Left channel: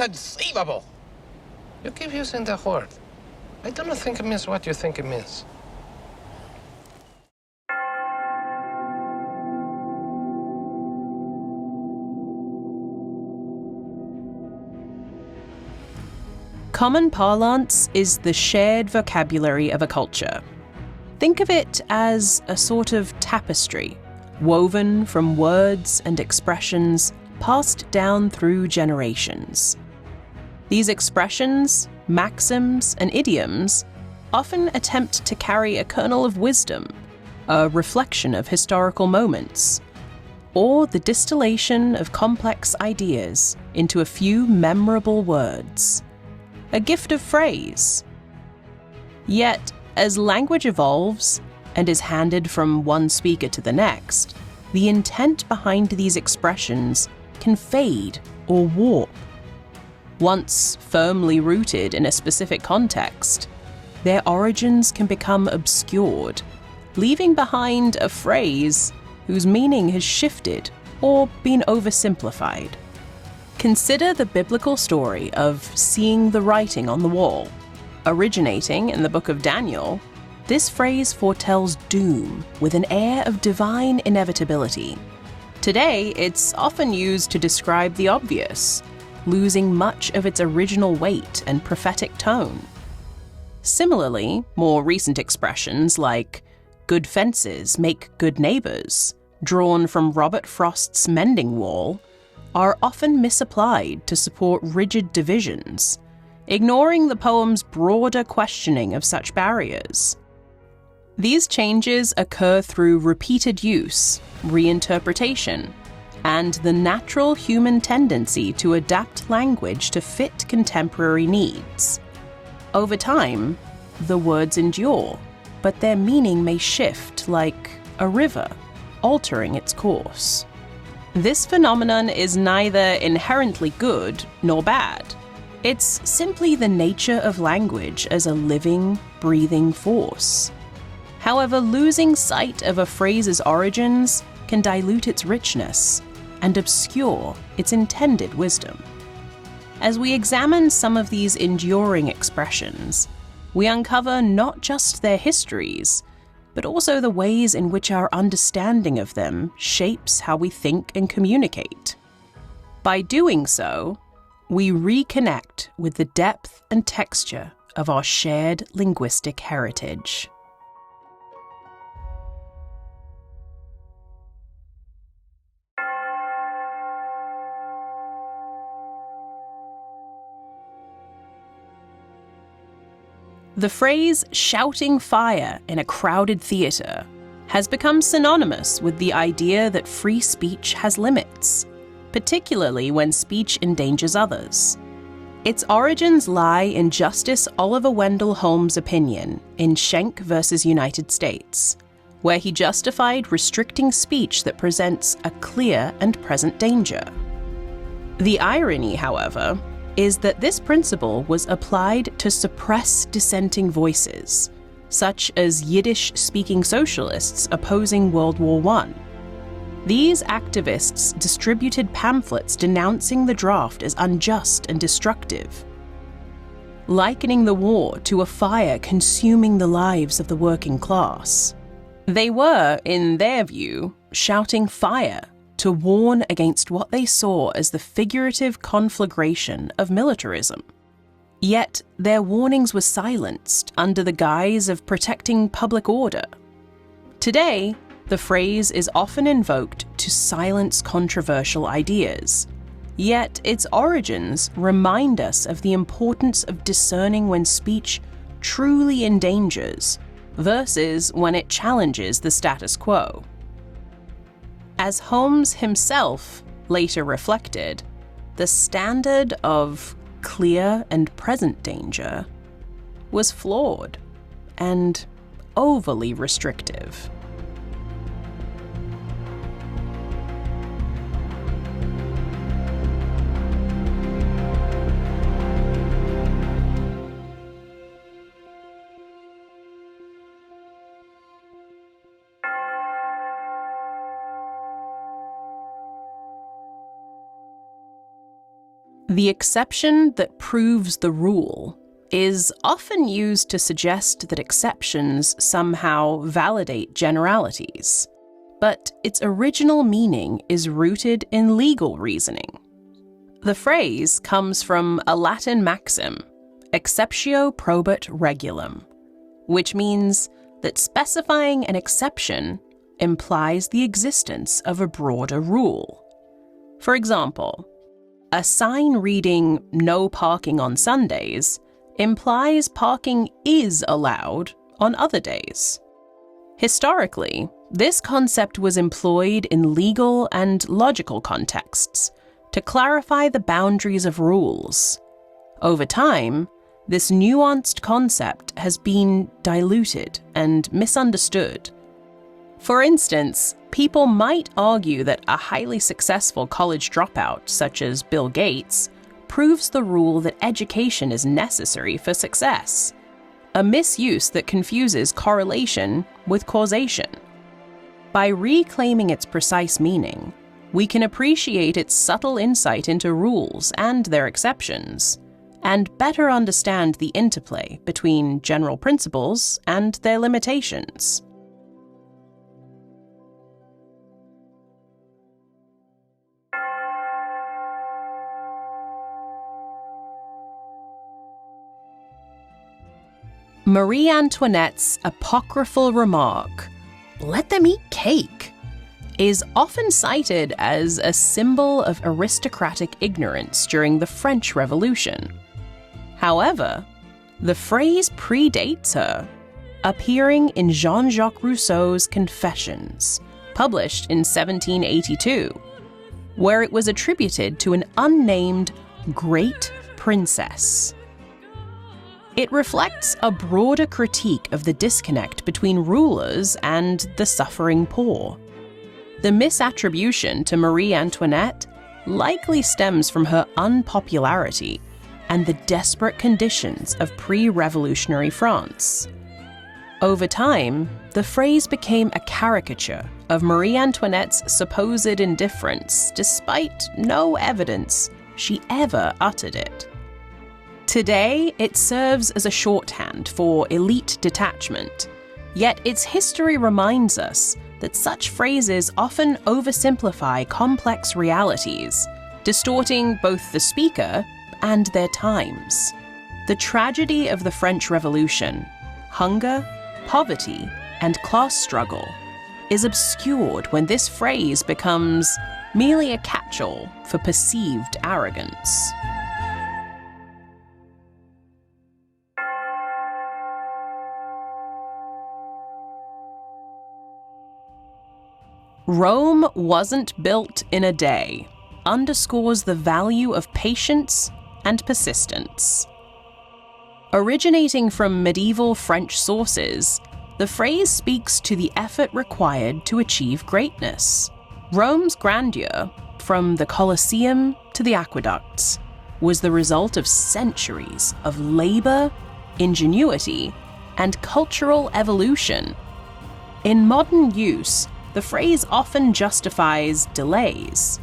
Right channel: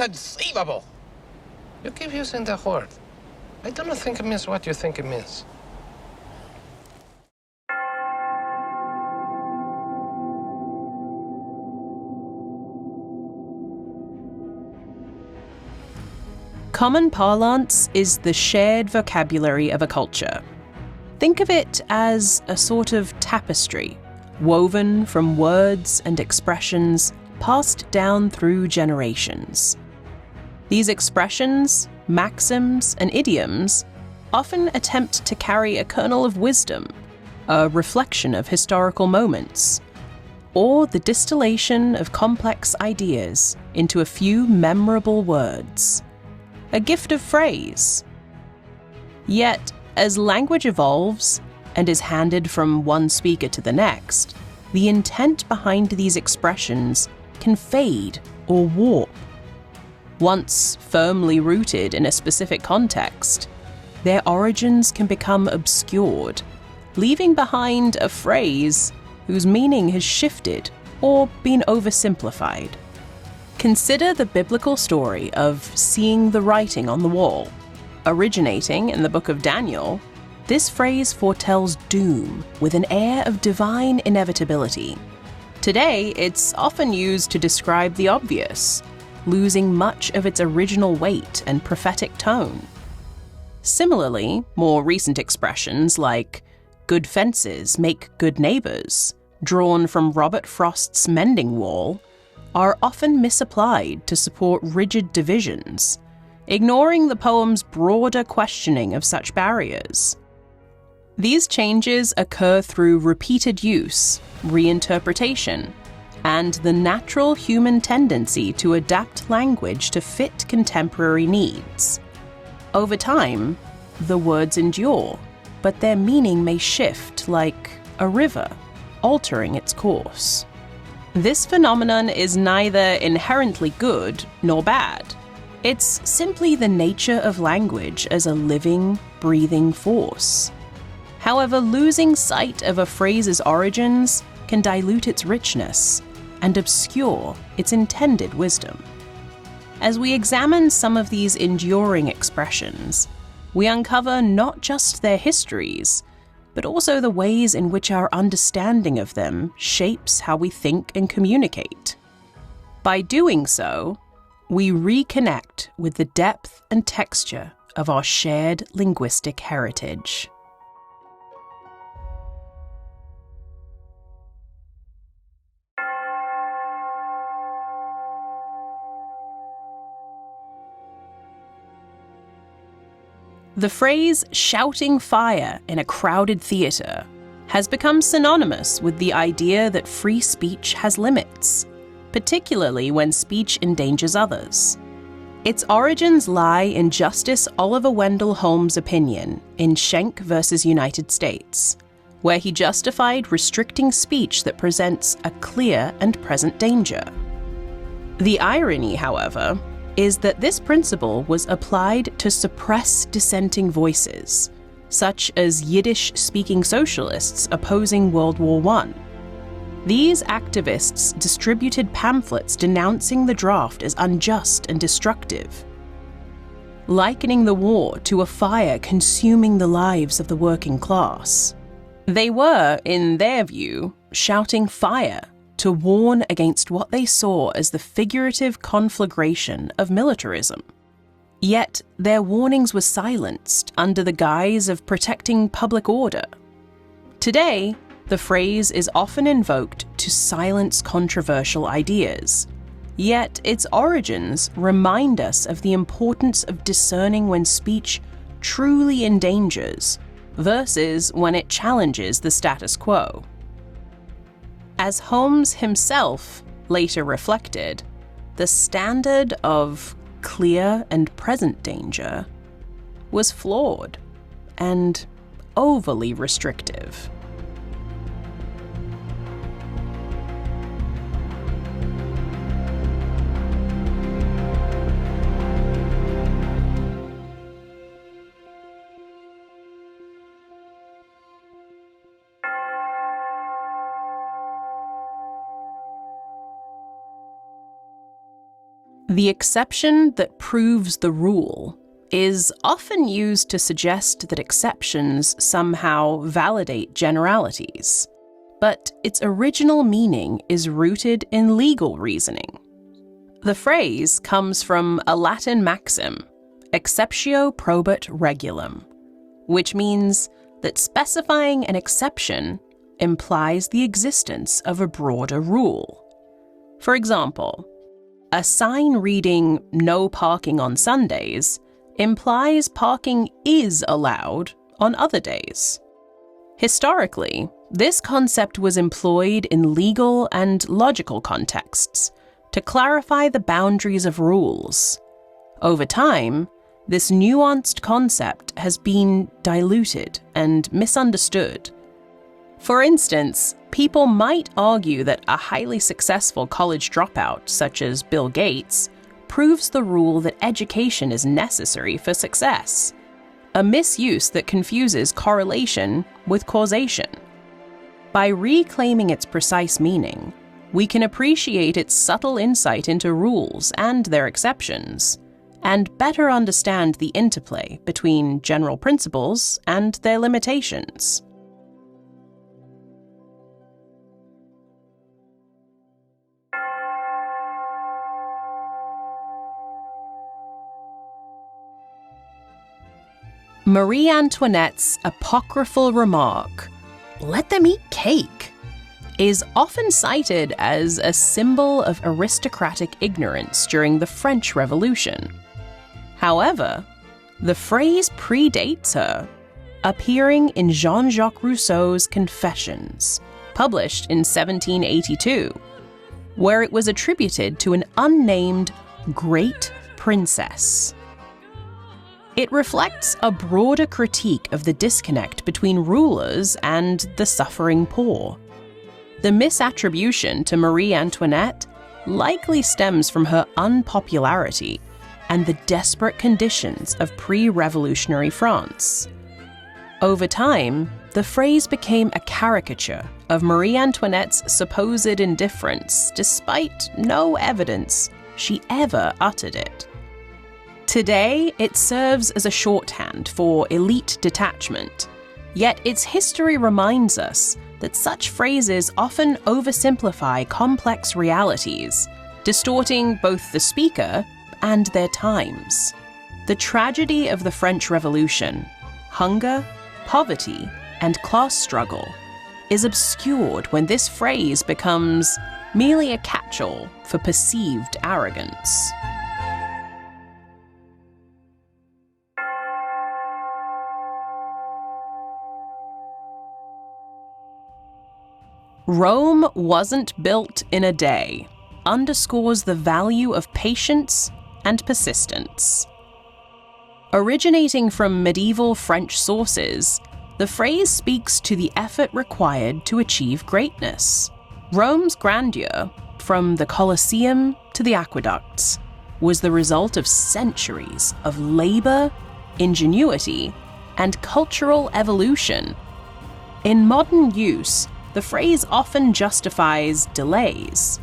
Inconceivable! You keep using the word. I do not think it means what you think it means. Common parlance is the shared vocabulary of a culture. Think of it as a sort of tapestry, woven from words and expressions passed down through generations. These expressions, maxims, and idioms often attempt to carry a kernel of wisdom, a reflection of historical moments, or the distillation of complex ideas into a few memorable words. A gift of phrase. Yet, as language evolves and is handed from one speaker to the next, the intent behind these expressions can fade or warp. Once firmly rooted in a specific context, their origins can become obscured, leaving behind a phrase whose meaning has shifted or been oversimplified. Consider the biblical story of seeing the writing on the wall. Originating in the book of Daniel, this phrase foretells doom with an air of divine inevitability. Today, it's often used to describe the obvious, losing much of its original weight and prophetic tone. Similarly, more recent expressions like good fences make good neighbors, drawn from Robert Frost's Mending Wall, are often misapplied to support rigid divisions, ignoring the poem's broader questioning of such barriers. These changes occur through repeated use, reinterpretation, and the natural human tendency to adapt language to fit contemporary needs. Over time, the words endure, but their meaning may shift like a river, altering its course. This phenomenon is neither inherently good nor bad. It's simply the nature of language as a living, breathing force. However, losing sight of a phrase's origins can dilute its richness and obscure its intended wisdom. As we examine some of these enduring expressions, we uncover not just their histories, but also the ways in which our understanding of them shapes how we think and communicate. By doing so, we reconnect with the depth and texture of our shared linguistic heritage. The phrase shouting fire in a crowded theatre has become synonymous with the idea that free speech has limits, particularly when speech endangers others. Its origins lie in Justice Oliver Wendell Holmes' opinion in Schenck v. United States, where he justified restricting speech that presents a clear and present danger. The irony, however, is that this principle was applied to suppress dissenting voices, such as Yiddish-speaking socialists opposing World War I. These activists distributed pamphlets denouncing the draft as unjust and destructive, likening the war to a fire consuming the lives of the working class. They were, in their view, shouting fire to warn against what they saw as the figurative conflagration of militarism. Yet their warnings were silenced under the guise of protecting public order. Today, the phrase is often invoked to silence controversial ideas, yet its origins remind us of the importance of discerning when speech truly endangers versus when it challenges the status quo. As Holmes himself later reflected, the standard of clear and present danger was flawed and overly restrictive. The exception that proves the rule is often used to suggest that exceptions somehow validate generalities, but its original meaning is rooted in legal reasoning. The phrase comes from a Latin maxim, exceptio probat regulam, which means that specifying an exception implies the existence of a broader rule. For example, a sign reading "No parking on Sundays" implies parking is allowed on other days. Historically, this concept was employed in legal and logical contexts to clarify the boundaries of rules. Over time, this nuanced concept has been diluted and misunderstood. For instance, people might argue that a highly successful college dropout, such as Bill Gates, proves the rule that education is necessary for success, a misuse that confuses correlation with causation. By reclaiming its precise meaning, we can appreciate its subtle insight into rules and their exceptions, and better understand the interplay between general principles and their limitations. Marie Antoinette's apocryphal remark, "Let them eat cake," is often cited as a symbol of aristocratic ignorance during the French Revolution. However, the phrase predates her, appearing in Jean-Jacques Rousseau's Confessions, published in 1782, where it was attributed to an unnamed great princess. It reflects a broader critique of the disconnect between rulers and the suffering poor. The misattribution to Marie Antoinette likely stems from her unpopularity and the desperate conditions of pre-revolutionary France. Over time, the phrase became a caricature of Marie Antoinette's supposed indifference, despite no evidence she ever uttered it. Today, it serves as a shorthand for elite detachment, yet its history reminds us that such phrases often oversimplify complex realities, distorting both the speaker and their times. The tragedy of the French Revolution, hunger, poverty, and class struggle, is obscured when this phrase becomes merely a catch-all for perceived arrogance. Rome wasn't built in a day underscores the value of patience and persistence. Originating from medieval French sources, the phrase speaks to the effort required to achieve greatness. Rome's grandeur, from the Colosseum to the aqueducts, was the result of centuries of labor, ingenuity, and cultural evolution. In modern use, the phrase often justifies delays,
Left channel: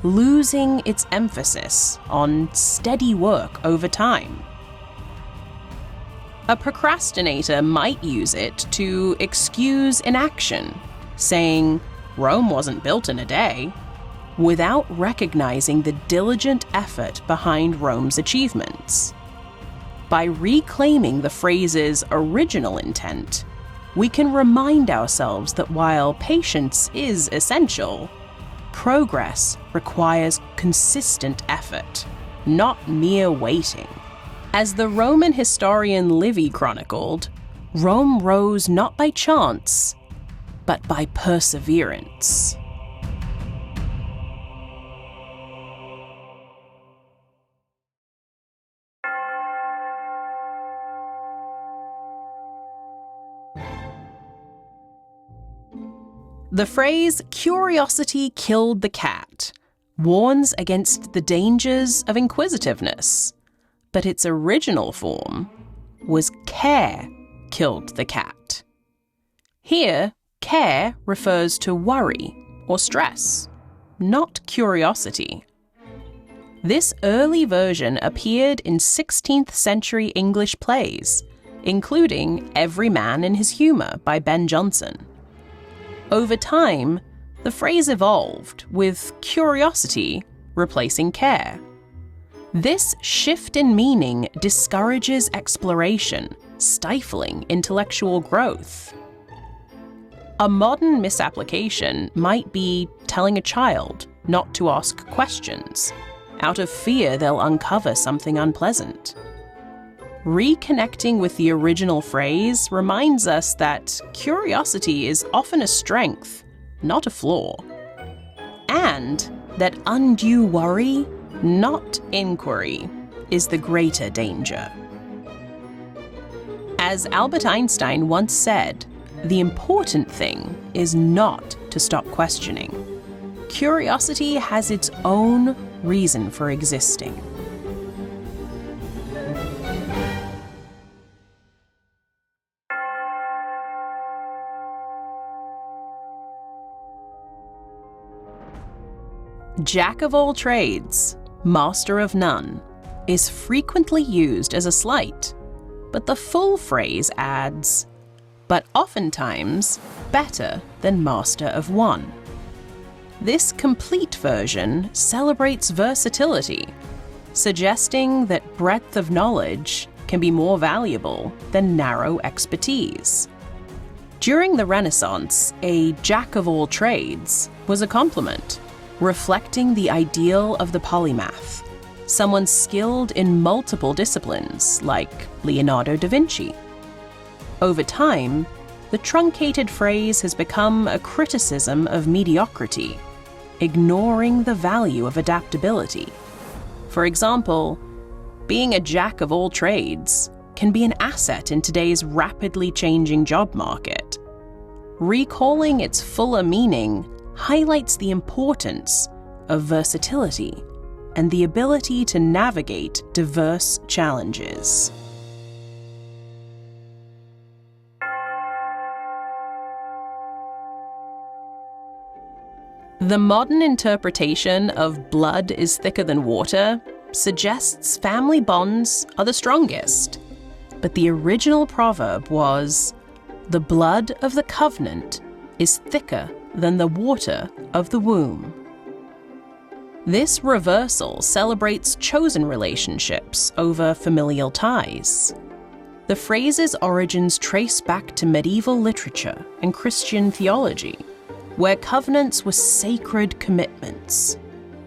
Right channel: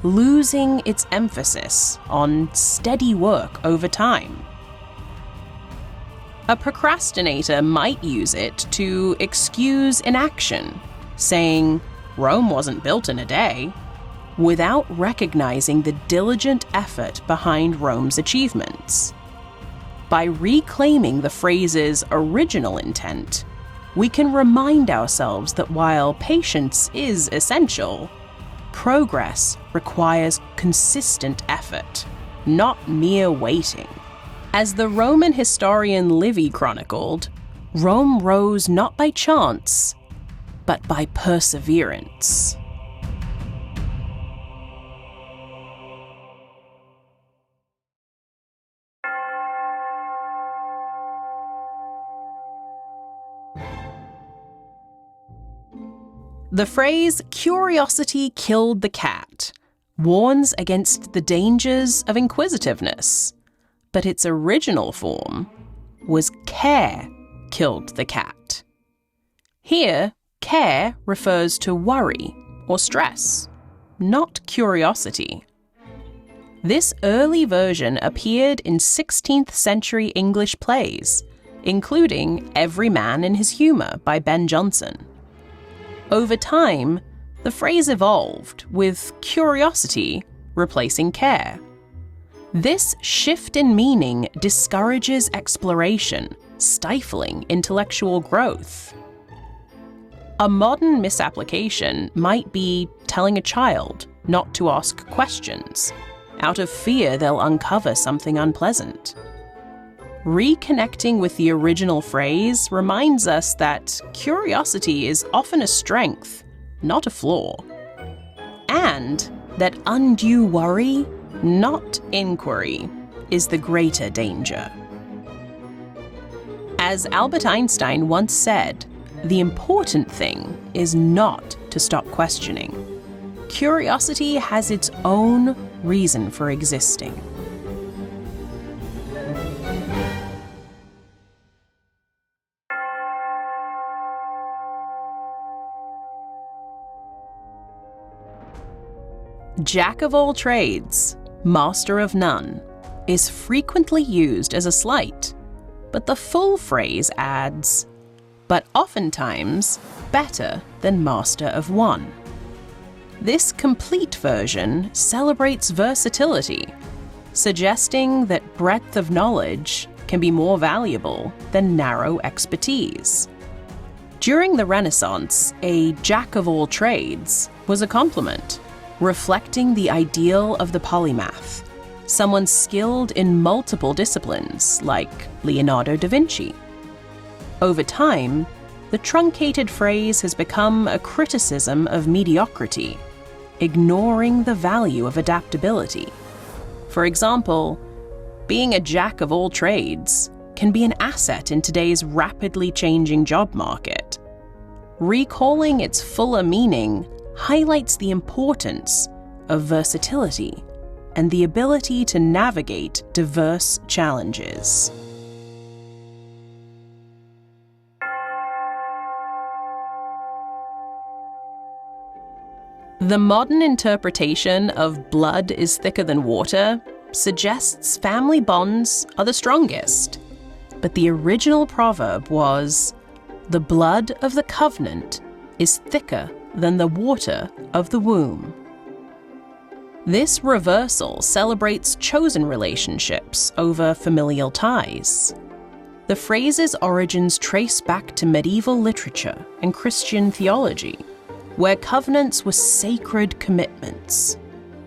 losing its emphasis on steady work over time. A procrastinator might use it to excuse inaction, saying, "Rome wasn't built in a day," without recognizing the diligent effort behind Rome's achievements. By reclaiming the phrase's original intent, we can remind ourselves that while patience is essential, progress requires consistent effort, not mere waiting. As the Roman historian Livy chronicled, Rome rose not by chance, but by perseverance. The phrase "curiosity killed the cat" warns against the dangers of inquisitiveness, but its original form was "care killed the cat." Here, care refers to worry or stress, not curiosity. This early version appeared in 16th century English plays, including Every Man in His Humour by Ben Jonson. Over time, the phrase evolved, with curiosity replacing care. This shift in meaning discourages exploration, stifling intellectual growth. A modern misapplication might be telling a child not to ask questions, out of fear they'll uncover something unpleasant. Reconnecting with the original phrase reminds us that curiosity is often a strength, not a flaw, and that undue worry, not inquiry, is the greater danger. As Albert Einstein once said, the important thing is not to stop questioning. Curiosity has its own reason for existing. Jack of all trades, master of none, is frequently used as a slight, but the full phrase adds, but oftentimes better than master of one. This complete version celebrates versatility, suggesting that breadth of knowledge can be more valuable than narrow expertise. During the Renaissance, a jack of all trades was a compliment, reflecting the ideal of the polymath, someone skilled in multiple disciplines, like Leonardo da Vinci. Over time, the truncated phrase has become a criticism of mediocrity, ignoring the value of adaptability. For example, being a jack of all trades can be an asset in today's rapidly changing job market. Recalling its fuller meaning highlights the importance of versatility and the ability to navigate diverse challenges. The modern interpretation of blood is thicker than water suggests family bonds are the strongest, but the original proverb was, "The blood of the covenant is thicker than the water of the womb." This reversal celebrates chosen relationships over familial ties. The phrase's origins trace back to medieval literature and Christian theology, where covenants were sacred commitments.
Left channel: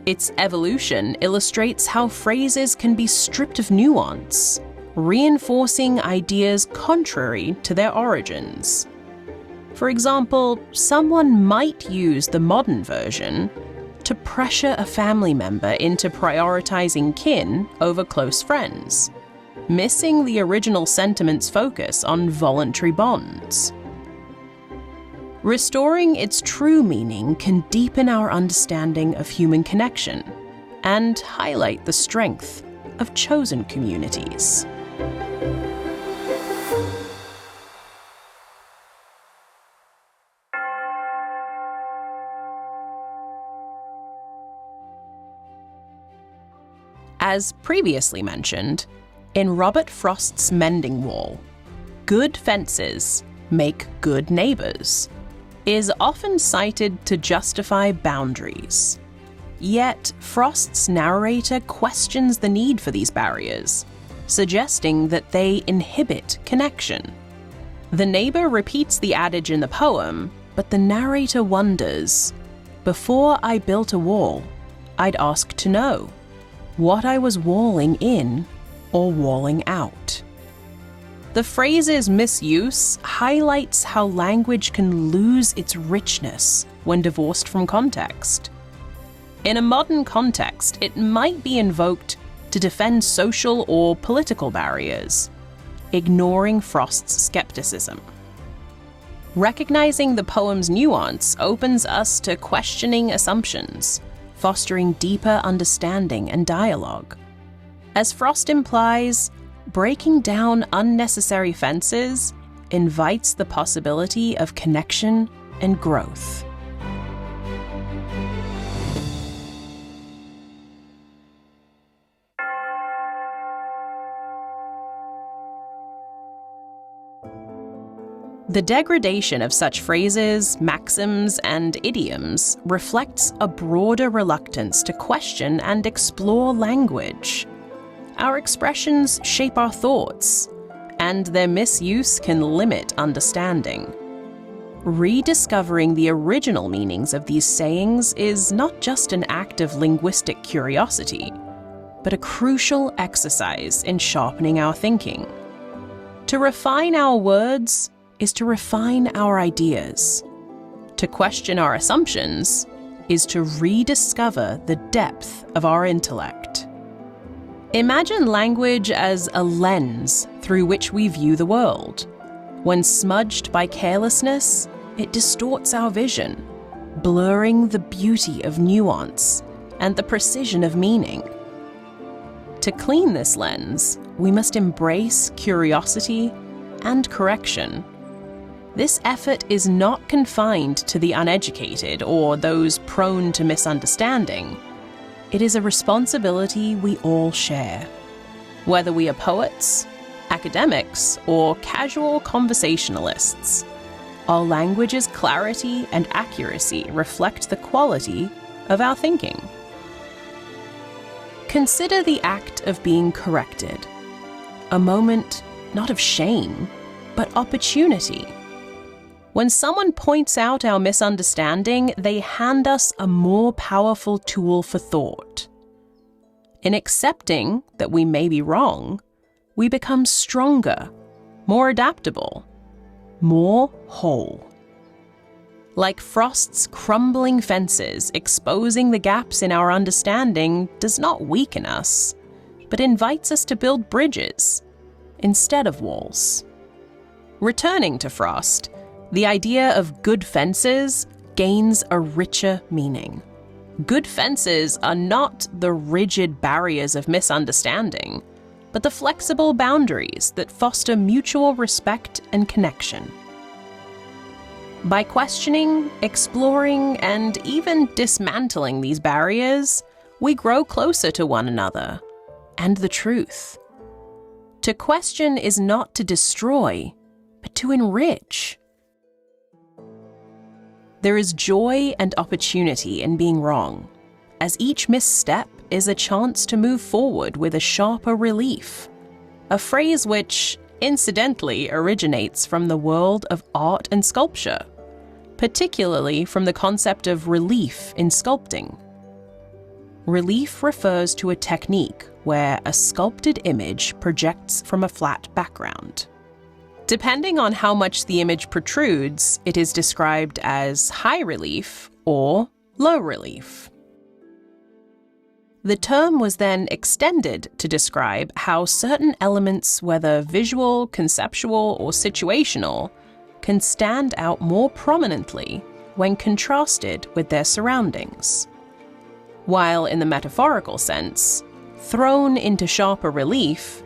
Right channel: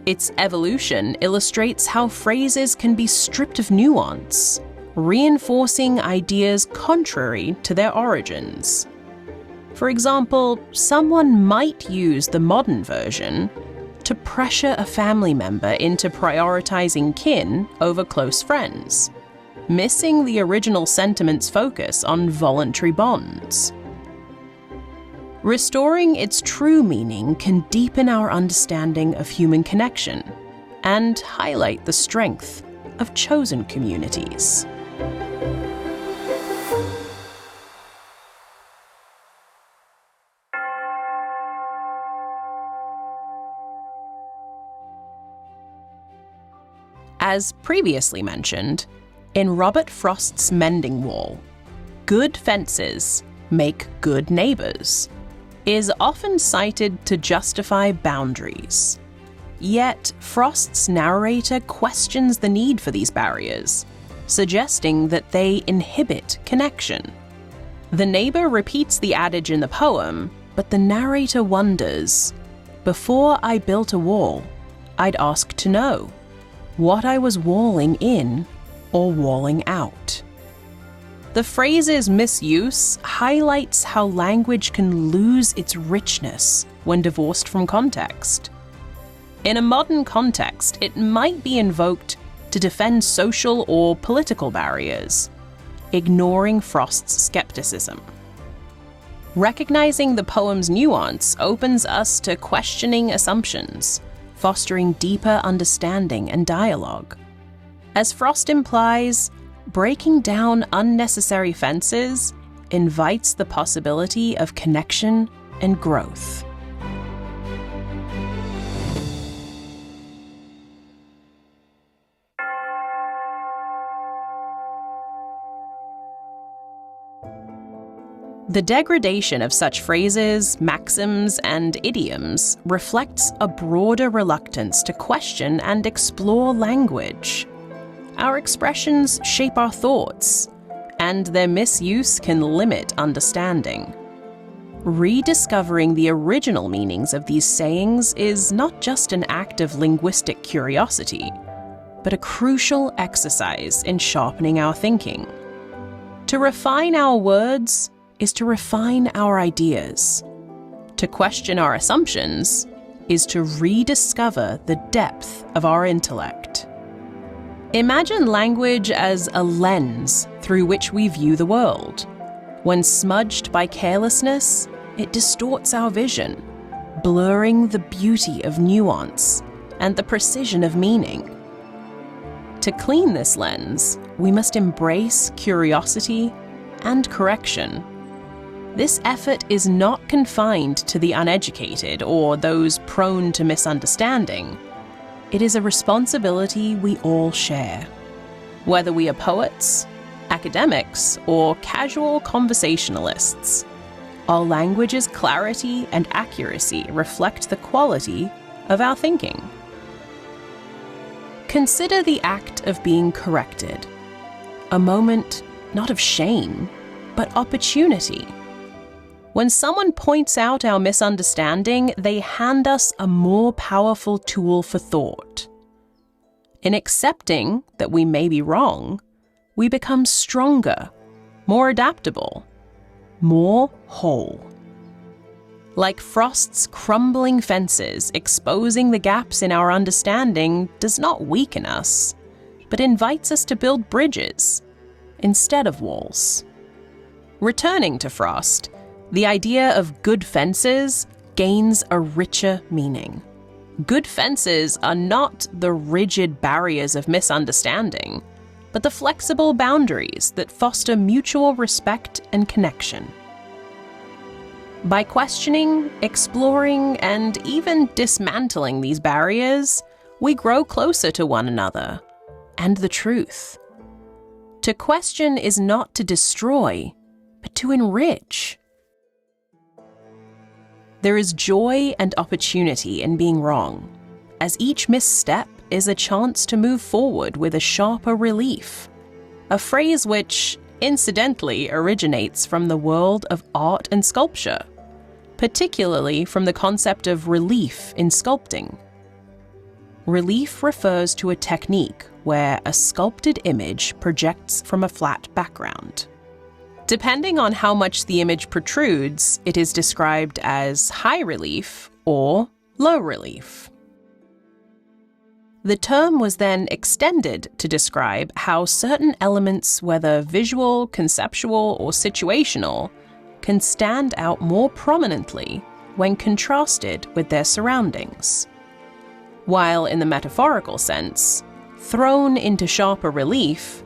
Its evolution illustrates how phrases can be stripped of nuance, reinforcing ideas contrary to their origins. For example, someone might use the modern version to pressure a family member into prioritizing kin over close friends, missing the original sentiment's focus on voluntary bonds. Restoring its true meaning can deepen our understanding of human connection and highlight the strength of chosen communities. As previously mentioned, in Robert Frost's Mending Wall, good fences make good neighbors is often cited to justify boundaries. Yet, Frost's narrator questions the need for these barriers, suggesting that they inhibit connection. The neighbor repeats the adage in the poem, but the narrator wonders, "Before I built a wall, I'd ask to know what I was walling in or walling out." The phrase's misuse highlights how language can lose its richness when divorced from context. In a modern context, it might be invoked to defend social or political barriers, ignoring Frost's skepticism. Recognizing the poem's nuance opens us to questioning assumptions, fostering deeper understanding and dialogue. As Frost implies, breaking down unnecessary fences invites the possibility of connection and growth. The degradation of such phrases, maxims, and idioms reflects a broader reluctance to question and explore language. Our expressions shape our thoughts, and their misuse can limit understanding. Rediscovering the original meanings of these sayings is not just an act of linguistic curiosity, but a crucial exercise in sharpening our thinking. To refine our words is to refine our ideas. To question our assumptions is to rediscover the depth of our intellect. Imagine language as a lens through which we view the world. When smudged by carelessness, it distorts our vision, blurring the beauty of nuance and the precision of meaning. To clean this lens, we must embrace curiosity and correction. This effort is not confined to the uneducated or those prone to misunderstanding. It is a responsibility we all share. Whether we are poets, academics, or casual conversationalists, our language's clarity and accuracy reflect the quality of our thinking. Consider the act of being corrected, a moment not of shame, but opportunity. When someone points out our misunderstanding, they hand us a more powerful tool for thought. In accepting that we may be wrong, we become stronger, more adaptable, more whole. Like frost's crumbling fences, exposing the gaps in our understanding does not weaken us, but invites us to build bridges instead of walls. Returning to frost, the idea of good fences gains a richer meaning. Good fences are not the rigid barriers of misunderstanding, but the flexible boundaries that foster mutual respect and connection. By questioning, exploring, and even dismantling these barriers, we grow closer to one another and the truth. To question is not to destroy, but to enrich. There is joy and opportunity in being wrong, as each misstep is a chance to move forward with a sharper relief, a phrase which, incidentally, originates from the world of art and sculpture, particularly from the concept of relief in sculpting. Relief refers to a technique where a sculpted image projects from a flat background. Depending on how much the image protrudes, it is described as high relief or low relief. The term was then extended to describe how certain elements, whether visual, conceptual, or situational, can stand out more prominently when contrasted with their surroundings. While in the metaphorical sense, thrown into sharper relief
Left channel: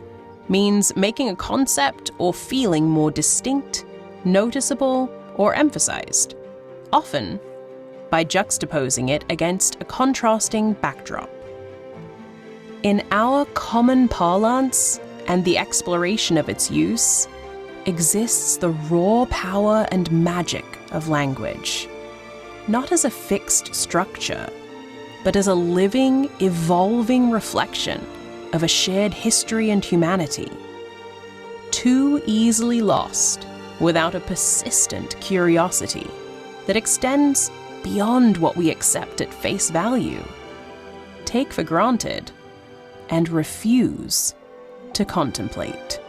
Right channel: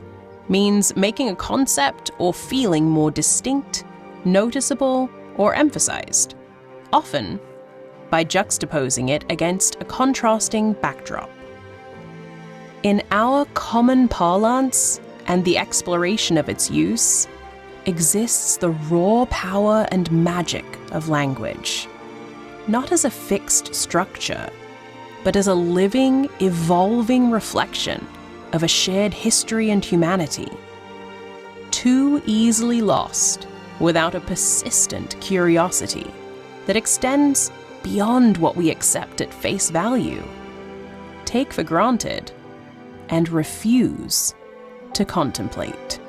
means making a concept or feeling more distinct, noticeable, or emphasized, often by juxtaposing it against a contrasting backdrop. In our common parlance and the exploration of its use, exists the raw power and magic of language, not as a fixed structure, but as a living, evolving reflection of a shared history and humanity, too easily lost without a persistent curiosity that extends beyond what we accept at face value, take for granted, and refuse to contemplate.